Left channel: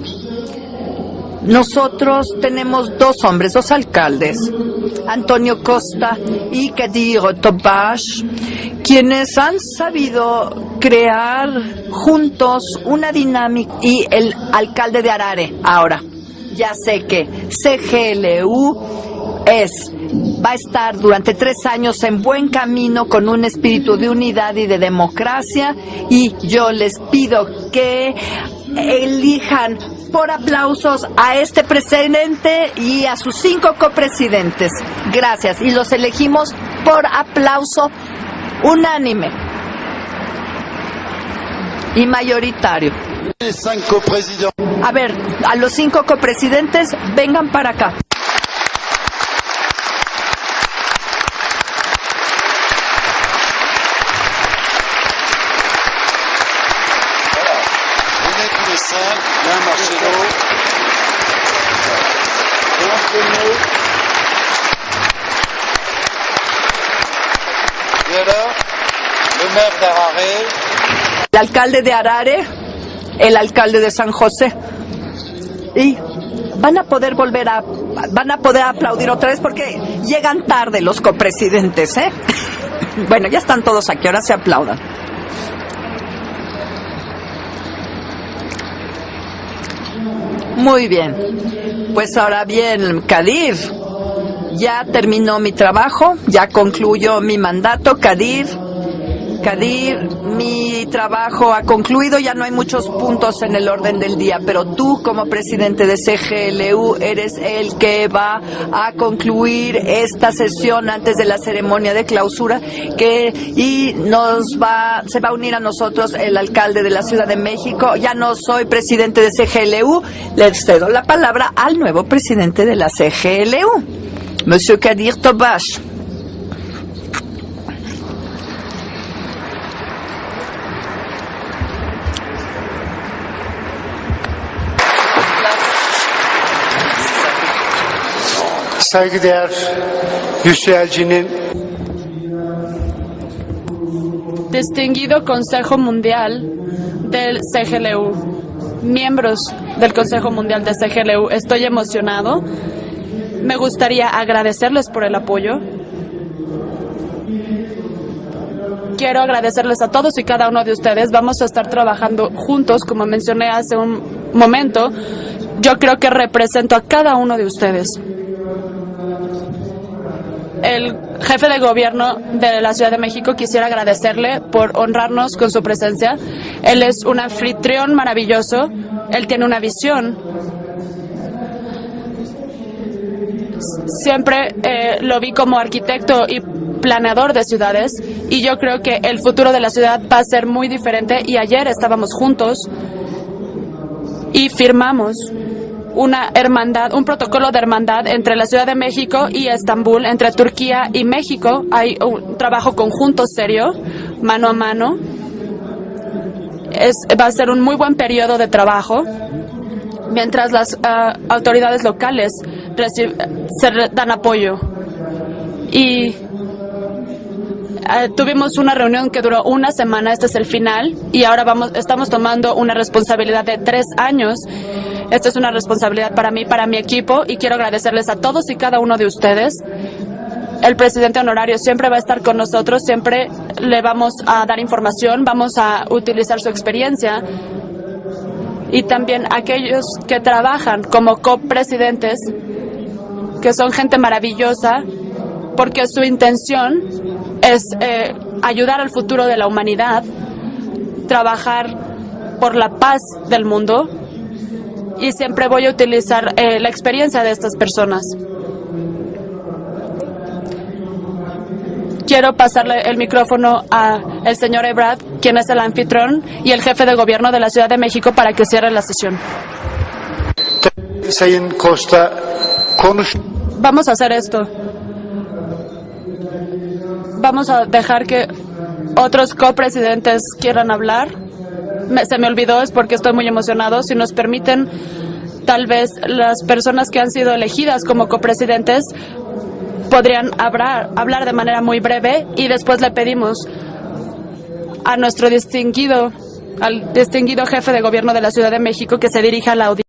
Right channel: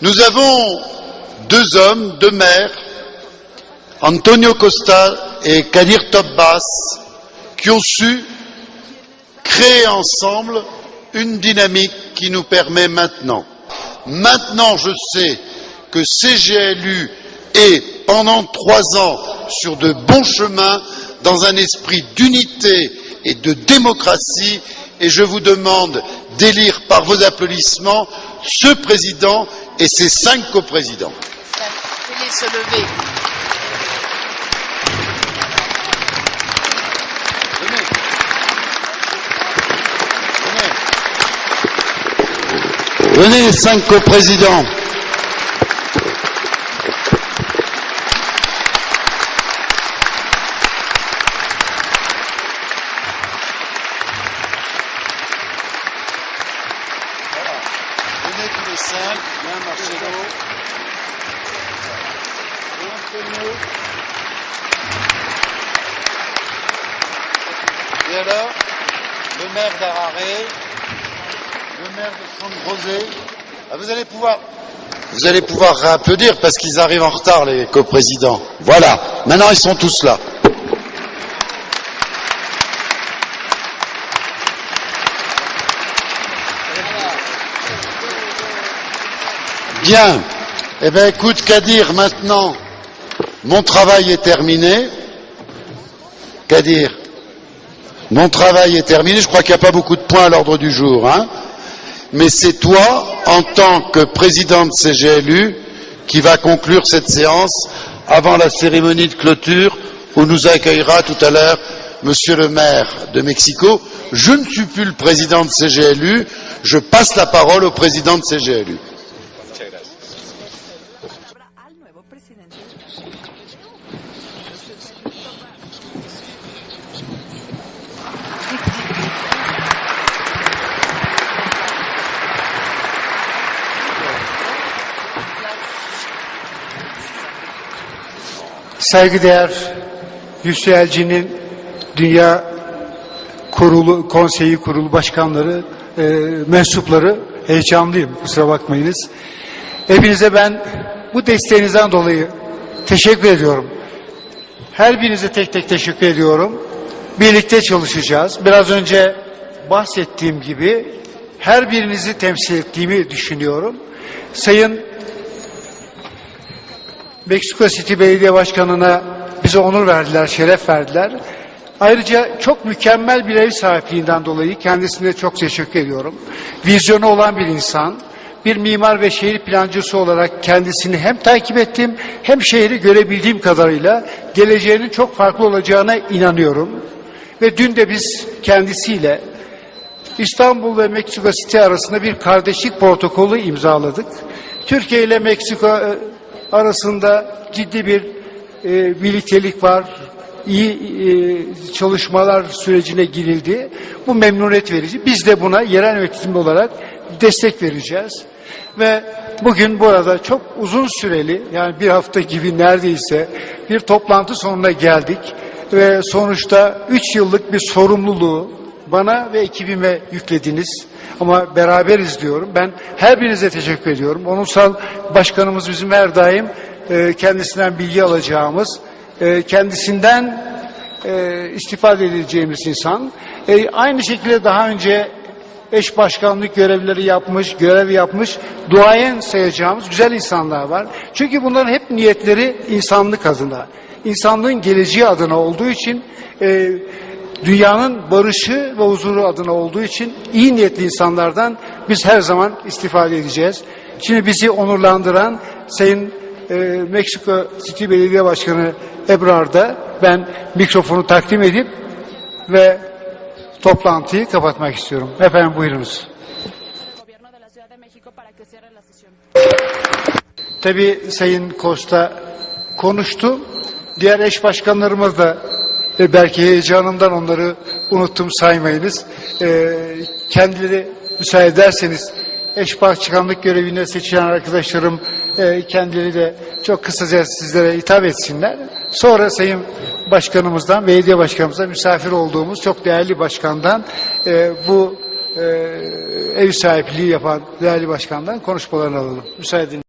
Nous avons deux hommes, deux maires, Antonio Costa et Kadir Topaz, qui ont su créer ensemble une dynamique qui nous permet maintenant. Maintenant, je que CGLU est pendant trois ans es- va a estar durante tres años en buen camino con un espíritu de unidad y de democracia y yo les pido que elijan por aplausos a este presidente y a sus cinco copresidentes. Gracias. Y los elegimos por aplauso unánime y mayoritario. Venez les cinq coprésidents. A ver, a los cinco copresidentes, vengan para acá. Venez tous les cinq, l'un Marcelo, Antonio, et alors, le maire d'Araré, El alcalde de Arare, el alcalde de San José. Vous allez pouvoir réapplaudir parce qu'ils arrivent en retard, a- les poder Voilà, maintenant ils sont tous là. Llegan tarde los copresidentes, ¿eh? Bueno, ya están todos aquí, ahora se aplaudan. Diante. Muy Eh bien, bien. écoute, Kadir, Pues maintenant, bien, Kadir. mon travail est terminé. Ya terminó mi trabajo, ya Kadir. concluyó mi mandato, Mon Kadir. travail est terminé. Je crois qu'il n'y a pas beaucoup de points à l'ordre du jour. Hein. concluido, Mais no c'est toi, en tant que président de CGLU, qui va conclure cette séance avant la cérémonie de clôture, où nous accueillera tout à l'heure Monsieur le maire de Mexico. Je ne suis plus le président de CGLU. Je passe la parole au président de CGLU. Le cedo la palabra al nuevo presidente de la CGLU, Monsieur Kadir Tobash. Saygıdeğer Hüsnü Elçi'nin Dünya Kurulu Konseyi Kurulu Başkanları, e, mensupları heyecanlıyım kusura bakmayınız. Hepinize ben de bu desteğinizden dolayı teşekkür ediyorum. Her birinize tek tek teşekkür ediyorum. Birlikte çalışacağız. Biraz önce Quiero agradecerles a todos y cada uno de ustedes. Vamos a her estar trabajando juntos, como mencioné hace un Sayın momento. Yo creo que represento a cada uno de Meksiko ustedes. City Belediye Başkanı'na bize onur verdiler, şeref El verdiler. jefe de gobierno Ayrıca de çok la Ciudad de mükemmel México quisiera agradecerle por honrarnos çok con su presencia. Él es un olan bir anfitrión insan, maravilloso. bir mimar ve şehir plancısı olarak kendisini hem takip ettim hem şehri görebildiğim kadarıyla Siempre geleceğinin eh, çok farklı olacağına inanıyorum. y planeador de Ve dün de biz y yo creo que el futuro de la ciudad va a ser muy diferente y ayer estábamos bir juntos protokolü imzaladık. y Türkiye ile firmamos e, una hermandad, un protocolo de hermandad entre la Ciudad de e, México y. Estambul, entre Turquía y México. e, Hay un trabajo conjunto serio, mano a mano. Es, va a ser un muy buen periodo de trabajo. Mientras las, süreli, autoridades locales dan apoyo. Ve sonuçta 3 yıllık bir Eh, sorumluluğu tuvimos una reunión que duró una semana, este es el final, y ahora vamos, estamos tomando una responsabilidad de tres años. Esta es una başkanımız responsabilidad para mí, para mi e, equipo, y quiero agradecerles a todos y cada uno de e, ustedes. El presidente e, honorario siempre va a estar con nosotros, siempre le vamos a dar información, vamos a utilizar su experiencia. Y también sayacağım aquellos que trabajan como copresidentes, que son gente maravillosa, porque su intención e, es, dünyanın eh, barışı ayudar al huzuru futuro de la adına olduğu humanidad, için iyi niyetli insanlardan biz her zaman istifade edeceğiz. mundo. Şimdi bizi onurlandıran Sayın, eh, la e, experiencia de estas personas. Belediye Başkanı Ebrar'da ben mikrofonu takdim edip Quiero pasarle el micrófono al señor Ebrard, quien es el anfitrión y el jefe de gobierno de la Ciudad de México para que cierre la sesión. tabii Sayın Costa konuştu. Vamos a hacer Diğer eş esto. başkanlarımız da E, belki heyecanımdan onları Vamos a dejar unuttum que saymayınız. otros copresidentes kendileri quieran hablar. Müsaade ederseniz. Me- se me olvidó, eş porque estoy muy başkanlık emocionado. Si nos permiten, arkadaşlarım, e, tal vez las personas que han kısaca sido sizlere elegidas hitap como etsinler. copresidentes Sonra Sayın podrían Başkanımızdan hablar- ve Belediye hablar de manera Başkanımızdan muy misafir breve y después çok le değerli pedimos başkandan e, bu a nuestro e, distinguido, ev al sahipliği distinguido jefe de değerli gobierno de la başkandan Ciudad de México que se dirija a la audiencia.